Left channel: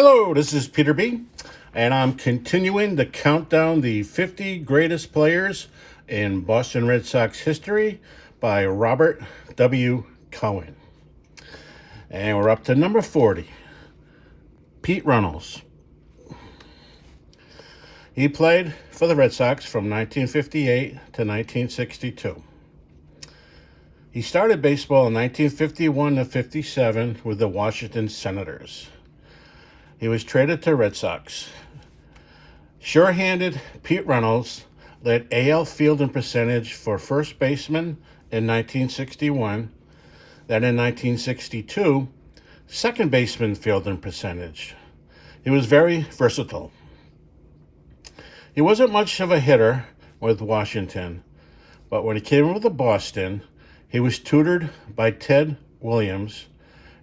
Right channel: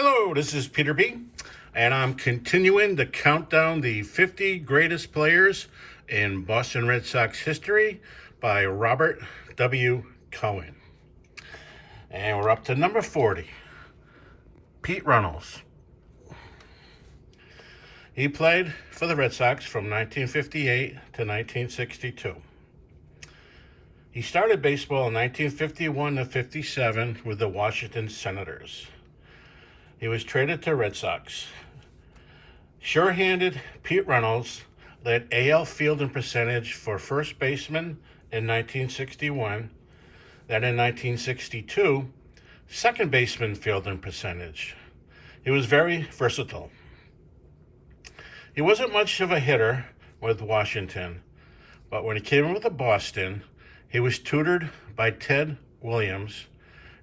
Hello, this is Peter B, and I'm continuing to count down the 50 greatest players in Boston Red Sox history by Robert W. Cowen. And we're up to number 40, Pete Runnels. He played for the Red Sox from 1958 to 1962. He started baseball in 1951 to 57 with the Washington Senators. He was traded to Red Sox. Sure-handed Pete Runnels led AL fielding percentage for first baseman in 1961. Then in 1962, second baseman fielding percentage. He was very versatile. He wasn't much of a hitter with Washington, but when he came over to Boston, he was tutored by Ted Williams,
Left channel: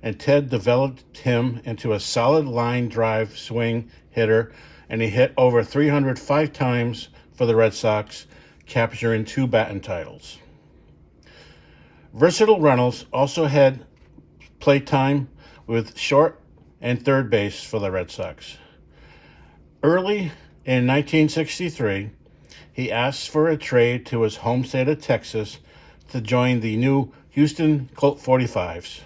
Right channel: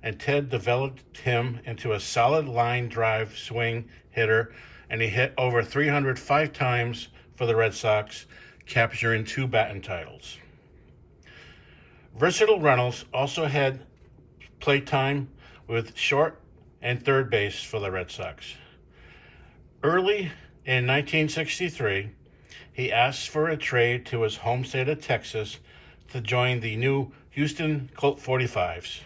and Ted developed him into a solid line drive swing hitter, and he hit over 305 times for the Red Sox, capturing 2 batting titles. Versatile Runnels also had playtime with short and third base for the Red Sox. Early in 1963, he asked for a trade to his home state of Texas to join the new Houston Colt 45s.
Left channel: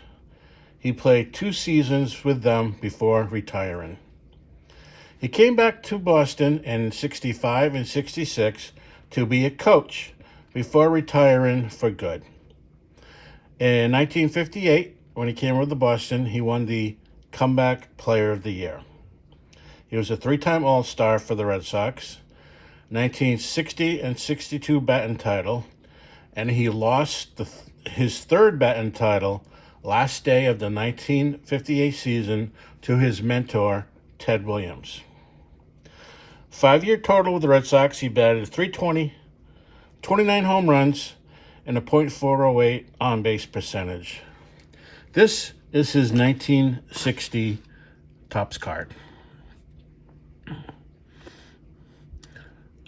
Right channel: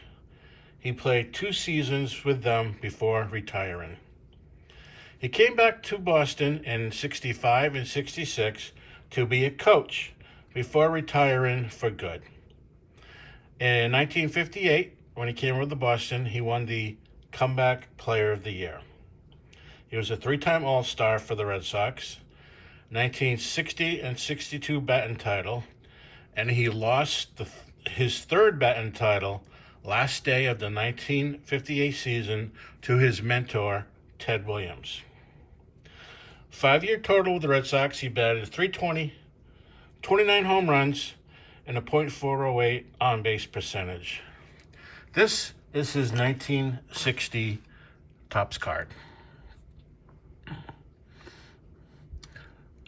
He played 2 seasons with them before retiring. He came back to Boston in 65 and 66 to be a coach before retiring for good. In 1958, when he came over to Boston, he won the Comeback Player of the Year. He was a 3-time All-Star for the Red Sox, 1960 and 62 batting title, and he lost his third batting title last day of the 1958 season to his mentor, Ted Williams. 5-year total with the Red Sox, he batted .320, 29 home runs, and a .408 on-base percentage. This is his 1960 Topps card.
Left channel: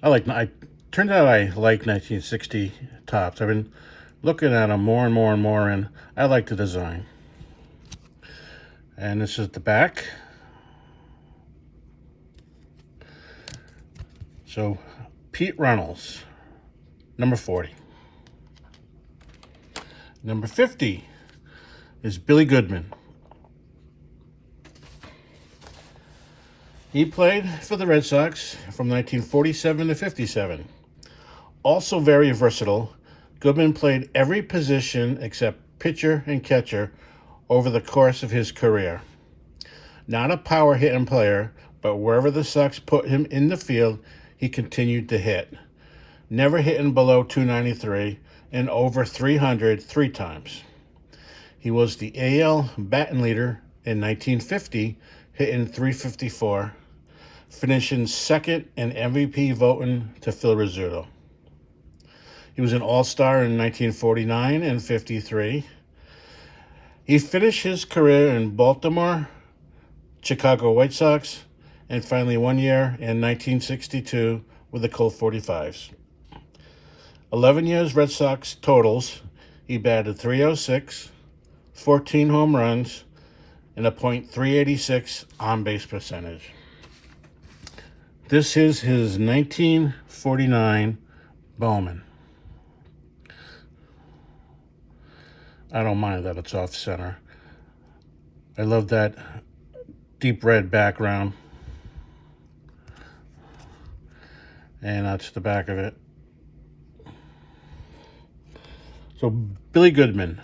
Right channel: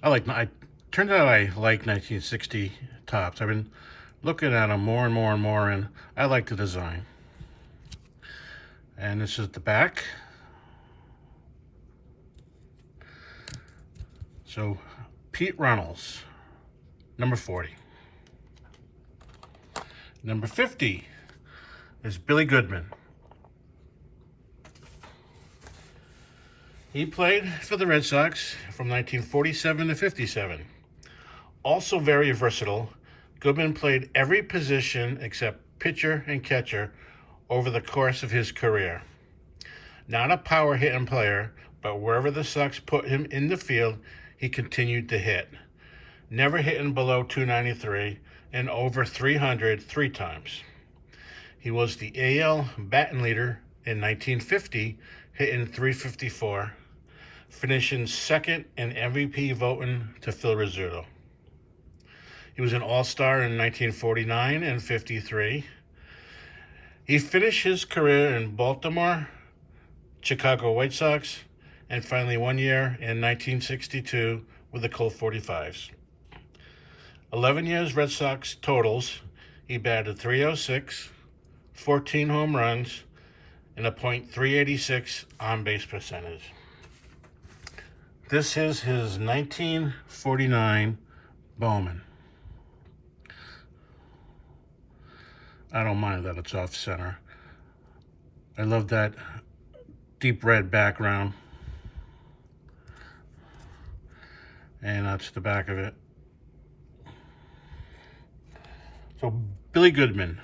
Turned out I like 1960 Topps. I've been looking at them more and more and more, and I like the design. And this is the back. So, Pete Runnels, number 40. Number 50 is Billy Goodman. He played for the Red Sox from 1947 to 57. Also very versatile, Goodman played every position except pitcher and catcher over the course of his career. Not a power hitting player, but wherever the Sox put him in the field, he continued to hit. Never hitting below .293 and over .300 3 times. He was the AL batting leader in 1950, hitting .354, finishing second in MVP voting to Phil Rizzuto. He was an All-Star in 1949 and 53. He finished his career in Baltimore, Chicago White Sox, and finally 1 year in 1962 with the Colt 45s. 11 years Red Sox totals, he batted .306, 14 home runs, and a .386 on-base percentage. This is his 1949 Bowman. I don't mind that it's off center. I love that deep red background. And that's the back of it. So Billy Goodman,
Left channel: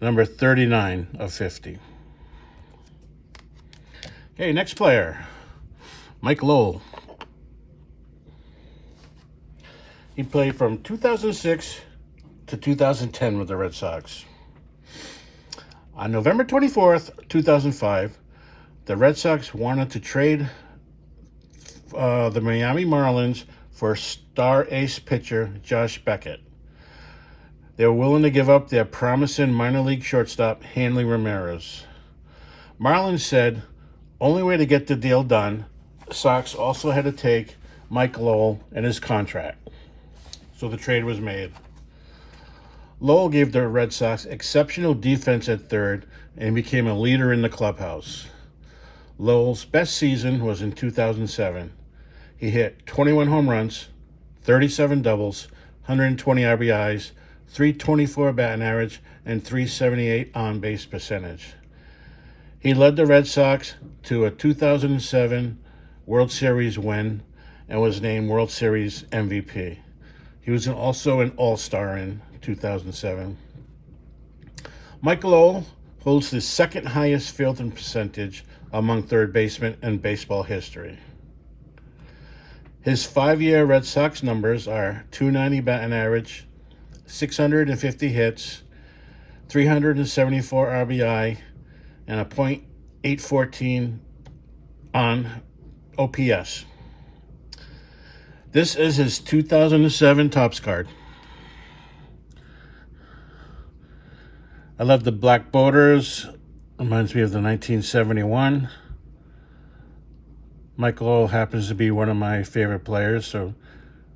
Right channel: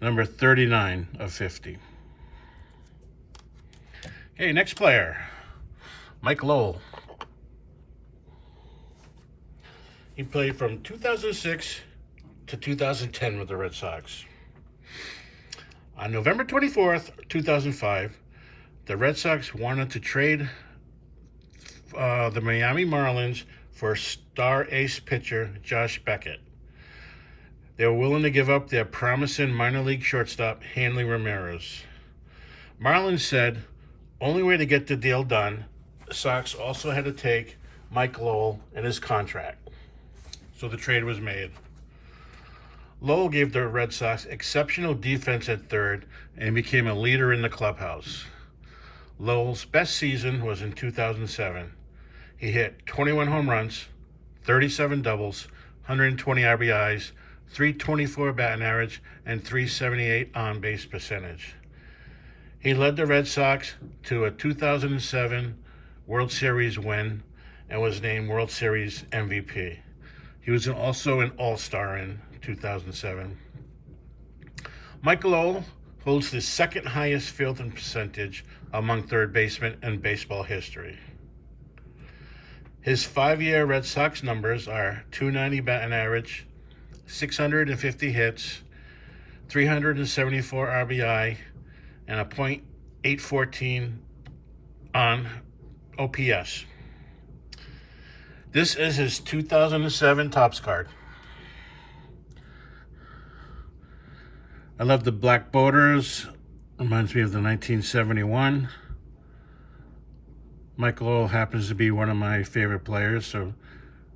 number 39 of 50. Okay, next player, Mike Lowell. He played from 2006 to 2010 with the Red Sox. On November 24th, 2005, the Red Sox wanted to trade the Miami Marlins for star ace pitcher Josh Beckett. They were willing to give up their promising minor league shortstop Hanley Ramirez. Marlins said, only way to get the deal done, the Sox also had to take Mike Lowell and his contract. So the trade was made. Lowell gave the Red Sox exceptional defense at third and became a leader in the clubhouse. Lowell's best season was in 2007. He hit 21 home runs, 37 doubles, 120 RBIs, 324 batting average, and 378 on-base percentage. He led the Red Sox to a 2007 World Series win and was named World Series MVP. He was also an All-Star in 2007. Mike Lowell holds the second highest fielding percentage among third basemen in baseball history. His 5-year Red Sox numbers are .290 batting average, 650 hits, 374 RBI, and a .814 on OPS. This is his 2007 Topps card. I love the black borders. Reminds me of the 1971. Mike Lowell happens to be one of my favorite players, so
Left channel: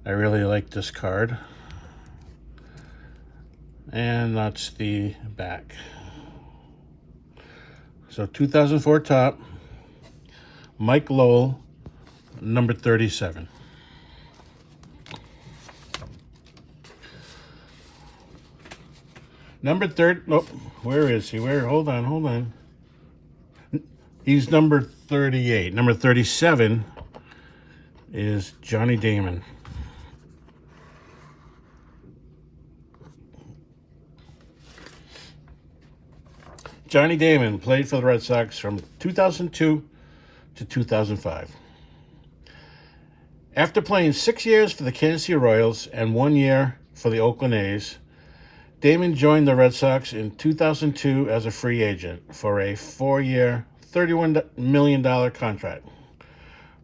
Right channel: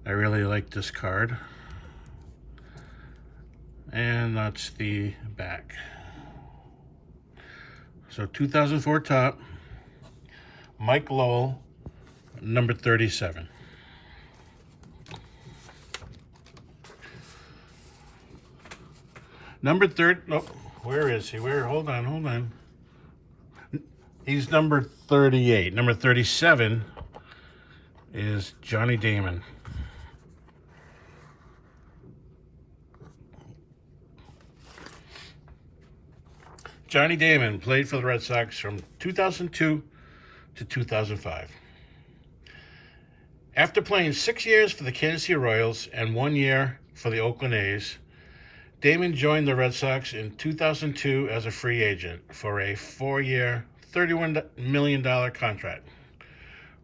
I really like this card. And that's the back. So 2004 top, Mike Lowell, number 37. Number 30, nope, where is he? Hold on. He's number 38. Number 37 is Johnny Damon. Johnny Damon played for the Red Sox from 2002 to 2005. After playing 6 years for the Kansas City Royals and 1 year for the Oakland A's, Damon joined the Red Sox in 2002 as a free agent for a 4-year, $31 million contract.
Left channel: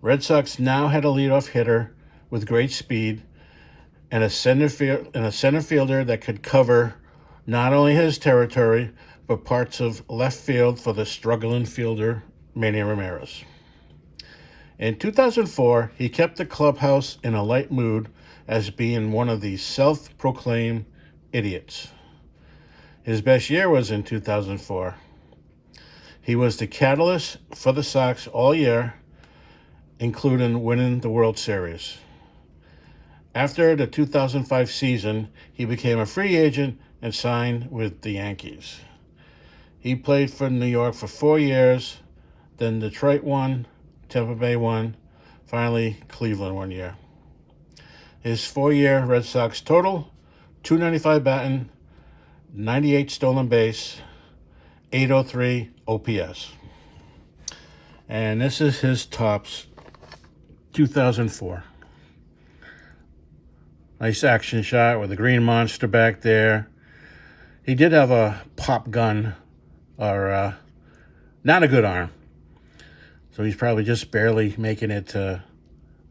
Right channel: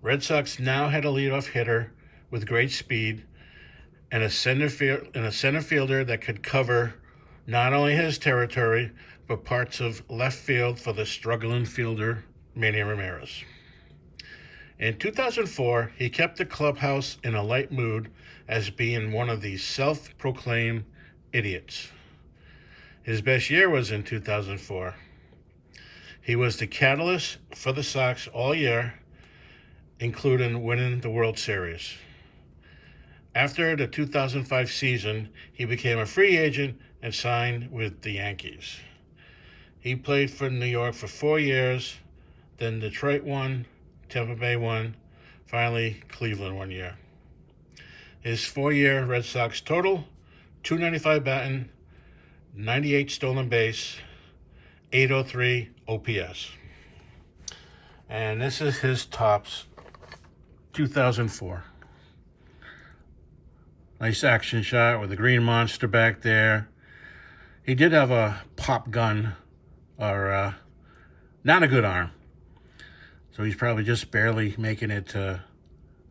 Red Sox now had a leadoff hitter with great speed and a center fielder that could cover not only his territory, but parts of left field for the struggling fielder, Manny Ramirez. In 2004, he kept the clubhouse in a light mood as being one of the self-proclaimed idiots. His best year was in 2004. He was the catalyst for the Sox all year, including winning the World Series. After the 2005 season, he became a free agent and signed with the Yankees. He played for New York for 4 years, then Detroit 1, Tampa Bay 1, finally Cleveland 1 year. His 4-year Red Sox total, .295 batting, 98 stolen base, 803 OPS. And this is his Topps 2004. Nice action shot with a green monster back there. He did have a pop gun, or not a good arm. So he's probably just barely making it to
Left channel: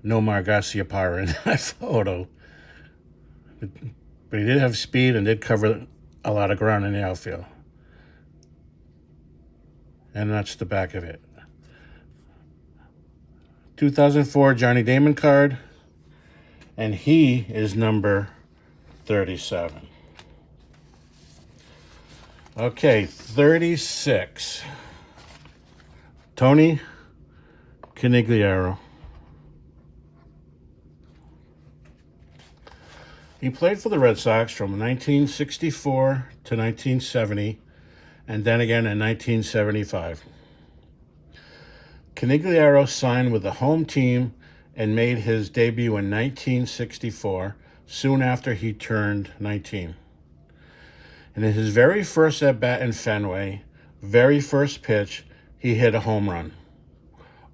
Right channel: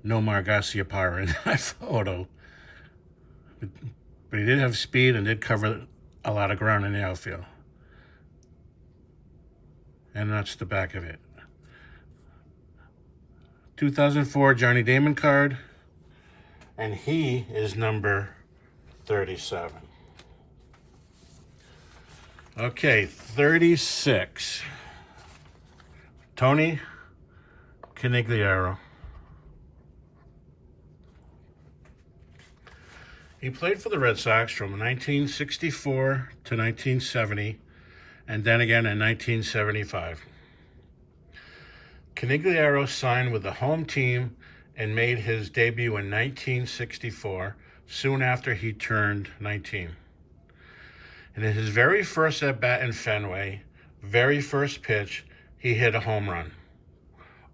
Nomar Garciaparra in that photo. But he did have speed and did cover a lot of ground in the outfield. And that's the back of it. 2004 Johnny Damon card. And he is number 37. Okay, 36. Tony Conigliaro. He played for the Red Sox from 1964 to 1970, and then again in 1975. Conigliaro signed with the home team and made his debut in 1964, soon after he turned 19. And in his very first at-bat in Fenway, very first pitch, he hit a home run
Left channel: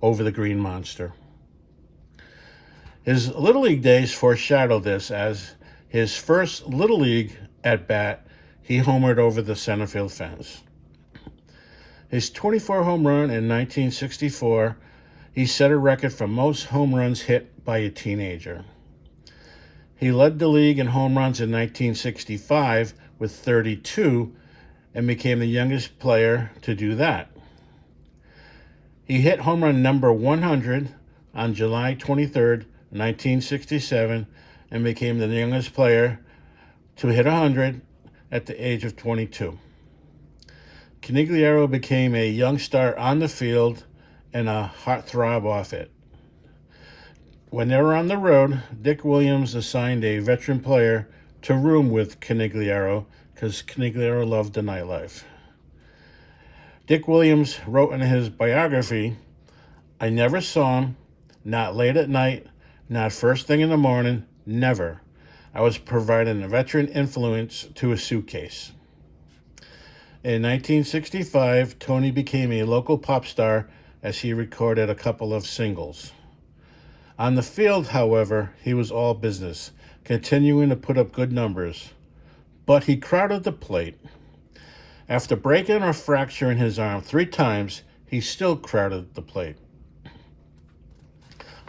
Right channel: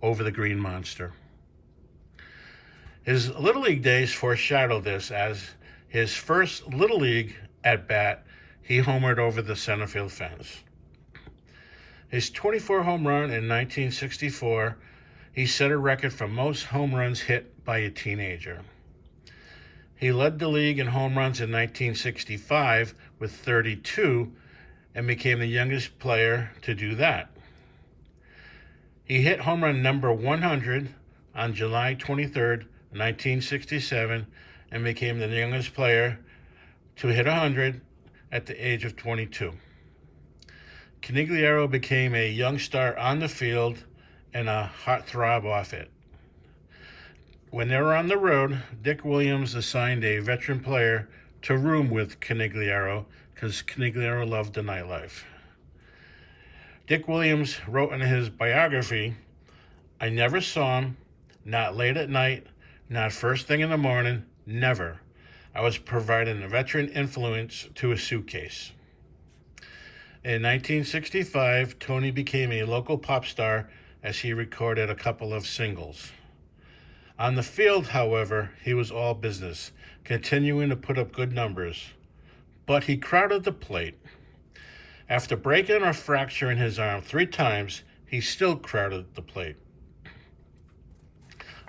over the Green Monster. His Little League days foreshadowed this, as his first Little League at-bat, he homered over the center field fence. His 24 home run in 1964, he set a record for most home runs hit by a teenager. He led the league in home runs in 1965 with 32 and became the youngest player to do that. He hit home run number 100 on July 23rd, 1967, and became the youngest player to hit 100 at the age of 22. Conigliaro became a young star on the field and a heartthrob off it. When they were on the road, Dick Williams assigned a veteran player to room with Conigliaro because Conigliaro loved the nightlife. Dick Williams wrote in his biography, "I never saw him, not late at night, not first thing in the morning, never. I was providing a veteran influence to a suitcase." In 1965, Tony became a local pop star as he recorded a couple of singles. On the field, however, he was all business, continuing to put up good numbers. But he crowded the plate. After breaking or fracturing his arm 3 times, he still crowded the plate.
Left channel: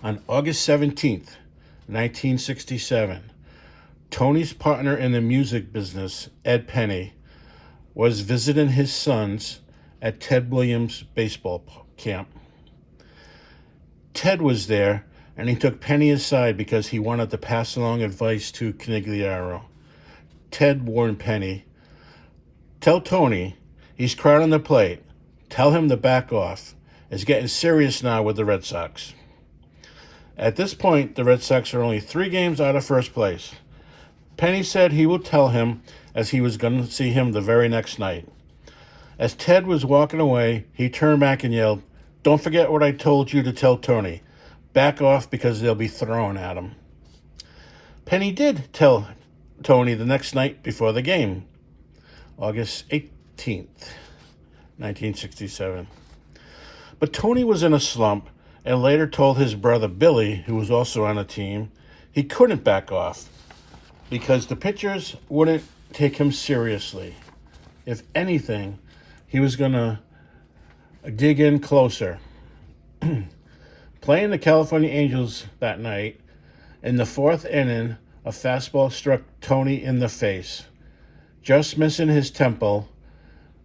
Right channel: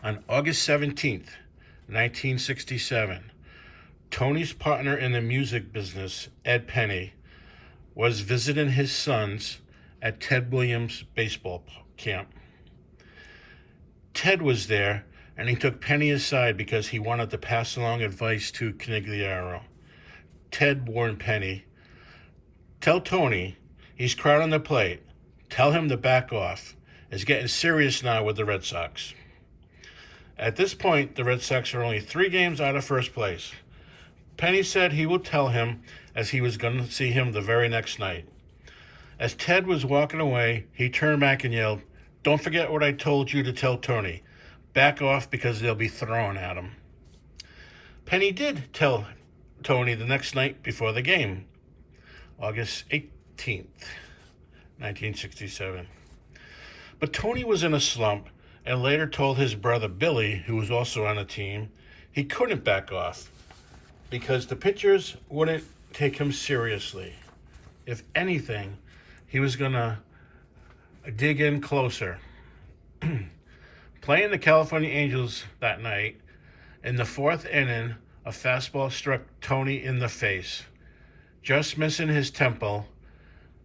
On August 17th, 1967, Tony's partner in the music business, Ed Penny, was visiting his sons at Ted Williams' baseball camp. Ted was there, and he took Penny aside because he wanted to pass along advice to Conigliaro. Ted warned Penny, "Tell Tony he's crowding the plate. Tell him to back off. It's getting serious now with the Red Sox." At this point, the Red Sox are only 3 games out of first place. Penny said he would tell him as he was going to see him the very next night. As Ted was walking away, he turned back and yelled, "Don't forget what I told you to tell Tony. Back off because they'll be throwing at him." Penny did tell Tony the next night before the game, August 18th, 1967. But Tony was in a slump and later told his brother Billy, who was also on the team, he couldn't back off because the pitchers wouldn't take him seriously. If anything, he was going to dig in closer. Playing the California Angels that night, in the 4th inning, a fastball struck Tony in the face. Just missing his temple,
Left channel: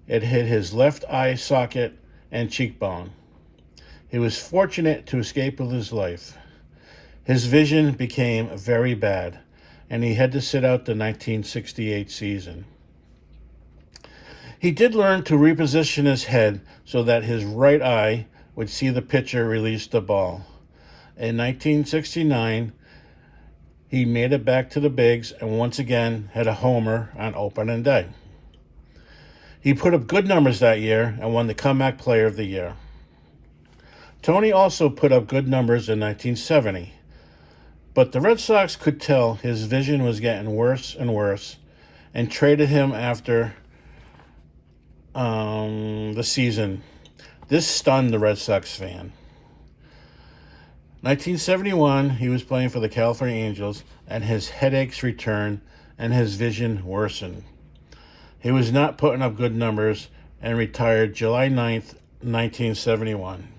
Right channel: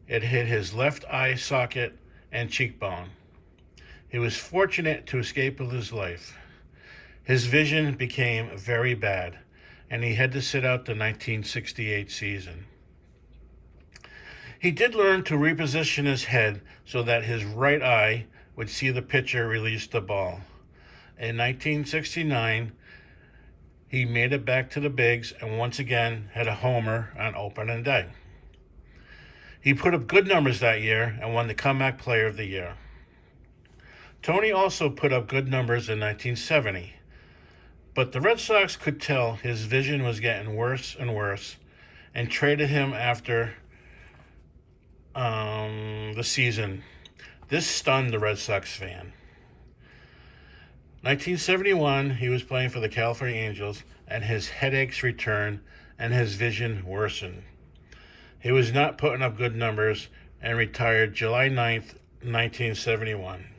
it hit his left eye socket and cheekbone. He was fortunate to escape with his life. His vision became very bad, and he had to sit out the 1968 season. He did learn to reposition his head so that his right eye would see the pitcher release the ball. In 1969, he made it back to the bigs and once again had a homer on opening day. He put up good numbers that year and won the Comeback Player of the Year. Tony also put up good numbers in 1970, but the Red Sox could tell his vision was getting worse and worse and traded him after the season. This stunned the Red Sox fan. 1971, he was playing for the California Angels, and his headaches returned and his vision worsened. He was not putting up good numbers and retired July 9th, 1971.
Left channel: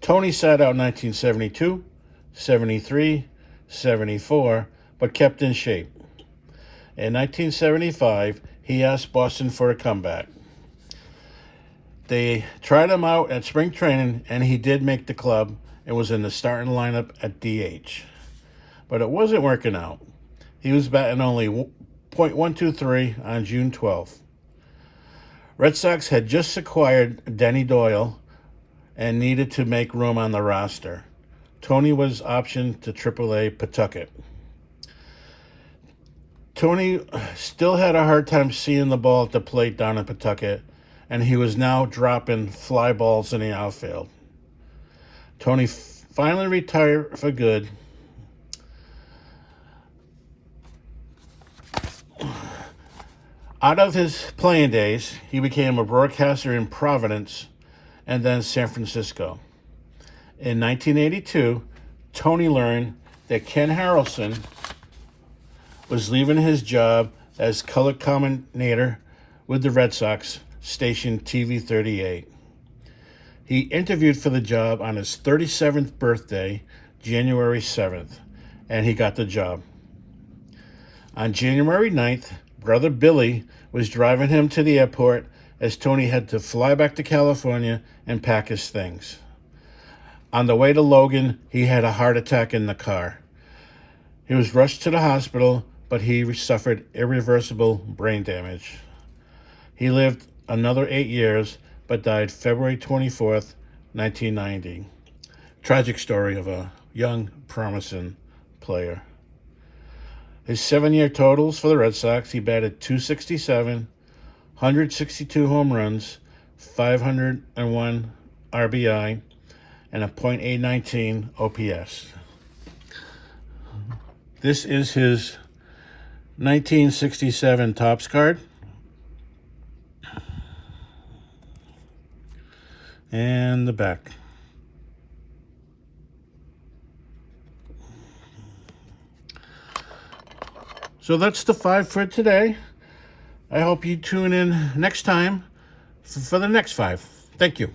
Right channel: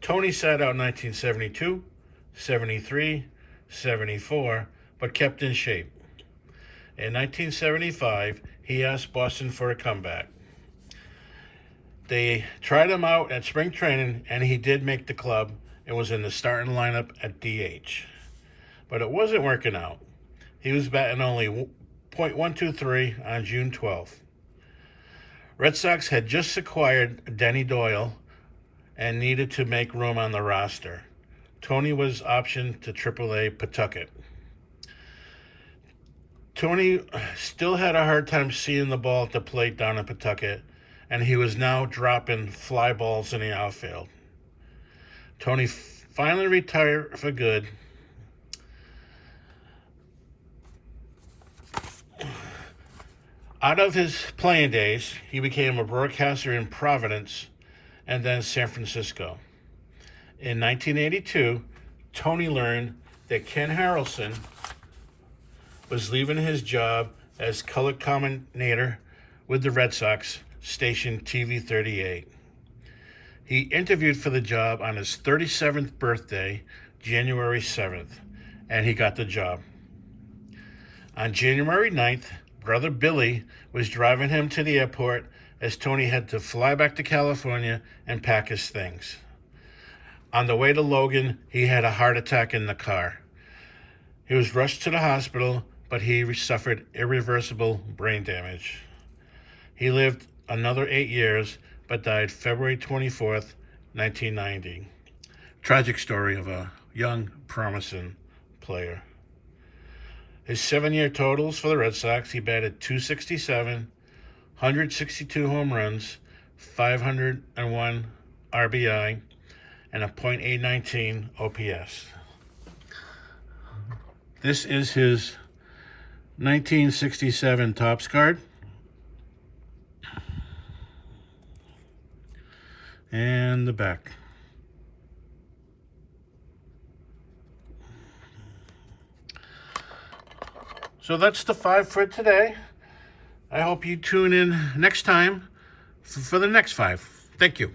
Tony sat out 1972, 73, 74, but kept in shape. In 1975, he asked Boston for a comeback. They tried him out at spring training, and he did make the club and was in the starting lineup at DH. But it wasn't working out. He was batting only .123 on June 12th. Red Sox had just acquired Denny Doyle and needed to make room on the roster. Tony was optioned to AAA Pawtucket. Tony still had a hard time seeing the ball at the plate down in Pawtucket, and he was now dropping fly balls in the outfield. Tony finally retired for good. Out of his playing days, he became a broadcaster in Providence and then San Francisco. In 1982, Tony learned that Ken Harrelson was leaving his job as color commentator with the Red Sox station TV38. He interviewed for the job on his 37th birthday, January 7th, and he got the job. On January 9th, brother Billy was driving him to the airport as Tony had to fly back to California and pack his things. On the way to Logan, he had a heart attack in the car. He was rushed to the hospital, but he suffered irreversible brain damage. He lived another 8 years, but died February 24th, 1990. Tragic story of a young, promising player. His 7-year totals for the Red Sox, he batted .267, 162 home runs, 501 RBI, and a .819 OPS. This is his 1967 Topps card. And the back. So that's the 5 for today. I hope you tune in next time for the next 5. Thank you.